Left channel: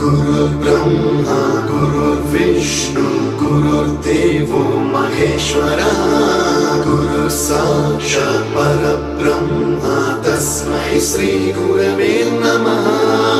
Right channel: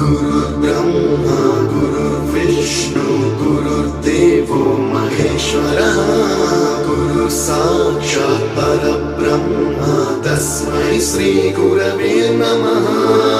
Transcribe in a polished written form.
गुरुर्ब्रह्मा गुरुर्विष्णु गुरुर्देवो महेश्वरः गुरु साक्षात् परब्रह्म तस्मै श्री गुरवे नमः।